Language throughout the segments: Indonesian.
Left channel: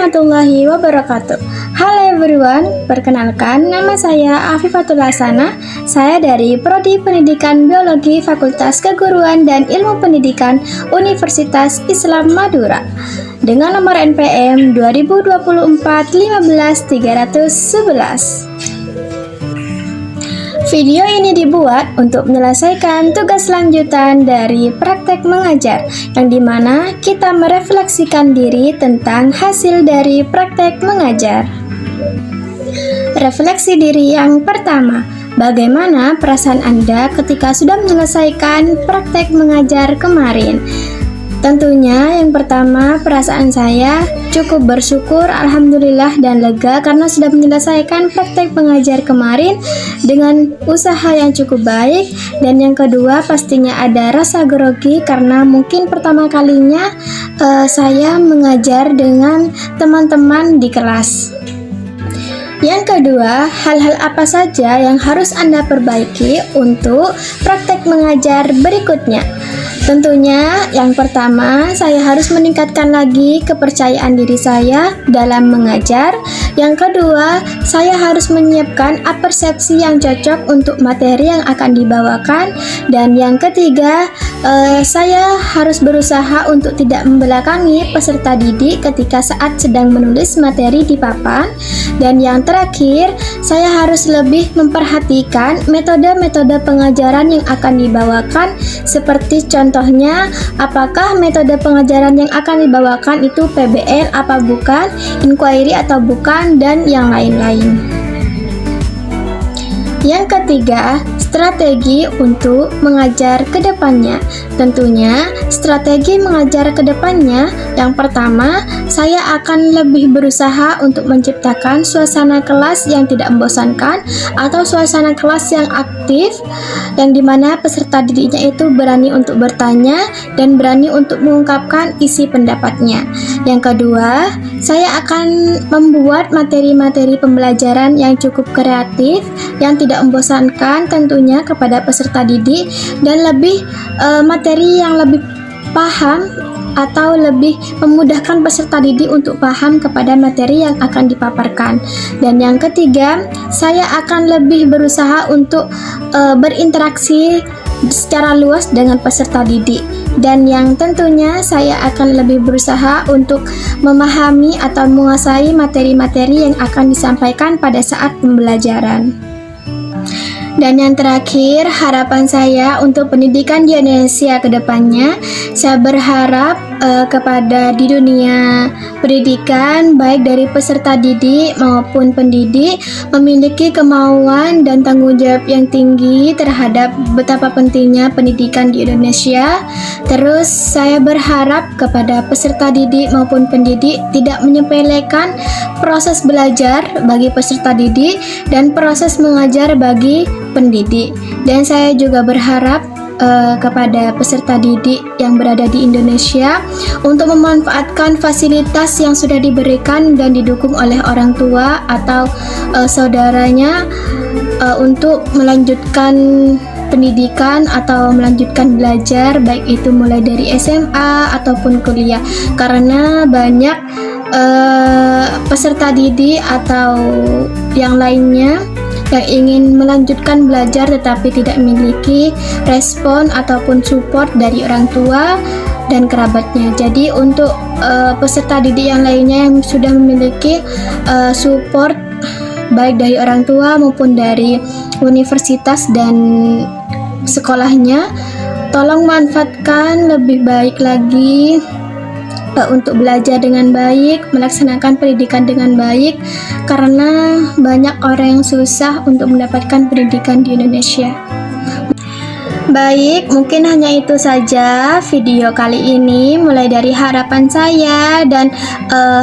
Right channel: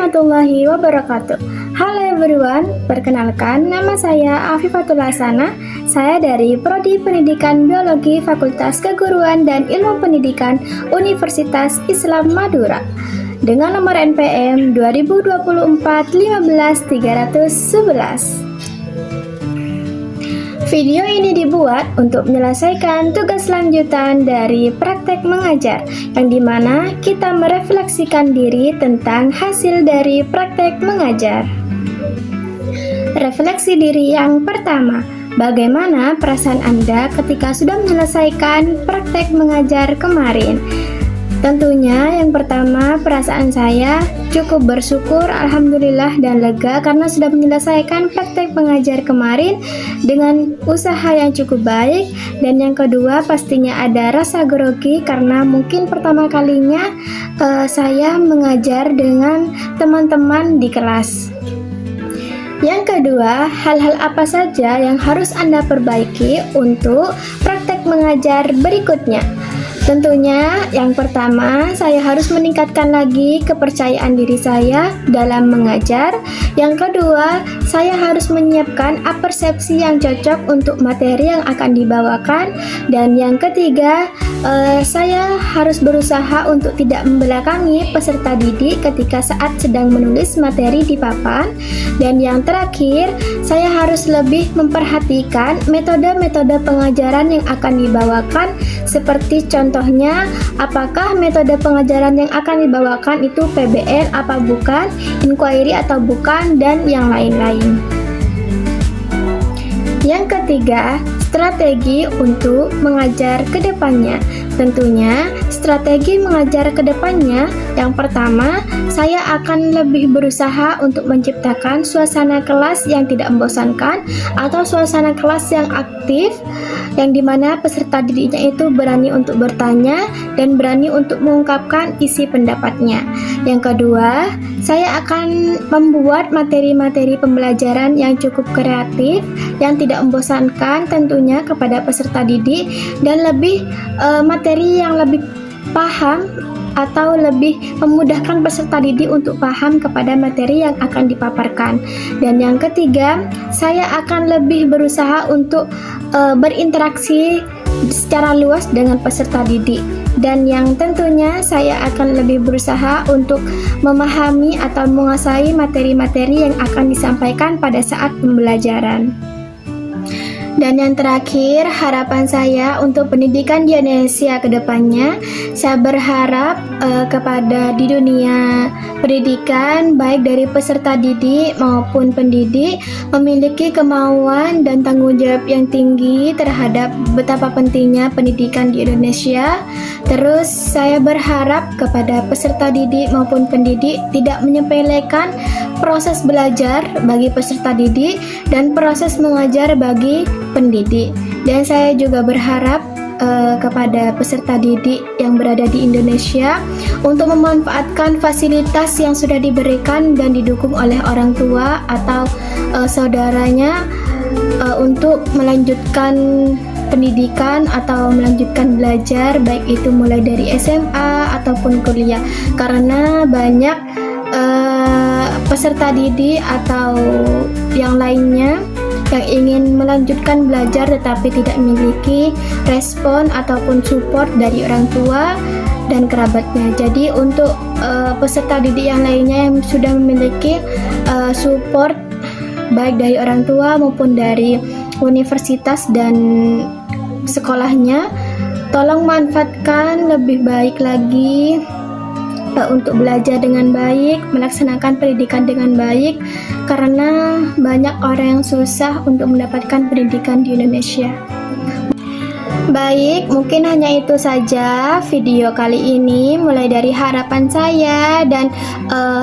warahmatullahi wabarakatuh. Halo everyone, perkenalkan nama saya Afifatul Hasana. Saya dari Prodi Pendidikan Biologi Fakultas Keguruan dan Ilmu Pendidikan Universitas Islam Madura dengan nomor NPM 2024 15311. Video ini dibuat untuk menyelesaikan tugas lanjutan dari praktek mengajar, yang dimana kita merefleksikan diri tentang hasil dari praktek mengajar. Refleksi diri yang pertama, bagaimana perasaan Anda ketika sudah menyelesaikan praktek mengajar kemarin? Tentunya yang pertama, perasaan saya cukup bersyukur, alhamdulillah dan lega karena sudah menyelesaikan praktek pengajar kemarin dengan usaha yang cukup baik. Dan yang kedua, pastinya ada rasa grogi karena mungkin pertama kalinya saya mengajar dengan teman-teman di kelas. Yang kedua, hal-hal apa saja yang harus Anda perbaiki untuk praktek mengajar berikutnya? Tentunya yang pertama, saya harus meningkatkan lagi kepercayaan diri saya dalam mengajar. Yang kedua, saya harus menyiapkan persepsi yang cocok untuk materi yang akan dibawakan. Dan yang ketiga, saya harus berusaha untuk tidak membelakangi peserta didik ketika saat sedang menulis materi di papan. Dan yang terakhir, saya harus lebih memperhatikan metode-metode pengajaran yang akan dibawakan, seperti contohnya apakah metode pengajaran yang akan dibawakan itu PBL apa bukan, inquiry atau bukan, dan yang lain-lain. Yang ketiga, strategi untuk mengajar ke depannya. Tentunya, strategi mengajar ke depannya, yang pertama, saya akan lebih berusaha untuk menciptakan suasana kelas yang tidak membosankan atau suasana kelas yang aktif, yang dimana peserta didiknya itu berani untuk bertanya dan berani untuk mengungkapkan isi pendapatnya. Yang kedua, saya akan membuat materi-materi pembelajaran yang cukup kreatif, yang tidak membosankan tentunya kepada peserta didik, dan lebih materi yang lebih paham atau lebih memudahkan peserta didik untuk paham kepada materi yang akan dipaparkan. Dan yang ketiga, saya akan lebih berusaha untuk berinteraksi secara luas dengan peserta didik. Dan yang tentunya saya akan lebih berusaha untuk memahami atau menguasai materi-materi yang akan disampaikan pada saat pembelajaran. Dan yang terakhir, harapan saya untuk pendidikan di Indonesia ke depannya, saya berharap kepada di dunia pendidikan, baik dari peserta didik maupun pendidik, memiliki kemauan dan tanggung jawab yang tinggi terhadap betapa pentingnya pendidikan di Indonesia. Terus saya berharap kepada peserta didik maupun pendidik tidak menyepelekan proses belajar bagi peserta didik dan proses mengajar bagi pendidik. Dan saya juga berharap kepada peserta didik yang berada di Indonesia untuk memanfaatkan fasilitas yang sudah diberikan dan didukung oleh orang tua atau saudaranya untuk melanjutkan pendidikan atau melanjutkan belajar, baik itu mulai dari SMA ataupun kuliah, karena banyak peserta didik atau yang lainnya yang ingin melanjutkan belajar tetapi tidak memiliki respon ataupun support dari orang tua dan kerabatnya. Jadi untuk peserta didik yang lainnya yang sudah memiliki support baik dari orang tua maupun dari universitas dan sekolahnya, tolong manfaatkan lebih baik lagi untuk belajar dengan baik, melaksanakan pendidikan dengan baik, karena banyak orang yang susah untuk mendapatkan pendidikan di Indonesia. Baik, mungkin hanya itu saja video kali ini, mulai dari harapan saya dan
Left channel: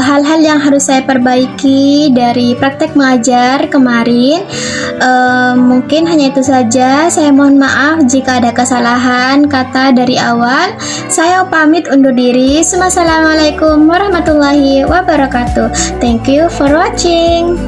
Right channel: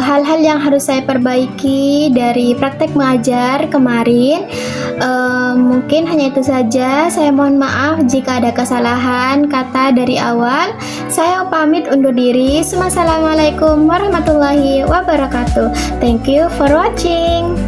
hal-hal yang harus saya perbaiki dari praktek mengajar kemarin. Mungkin hanya itu saja. Saya mohon maaf jika ada kesalahan kata dari awal. Saya pamit undur diri. Wassalamualaikum warahmatullahi wabarakatuh. Thank you for watching.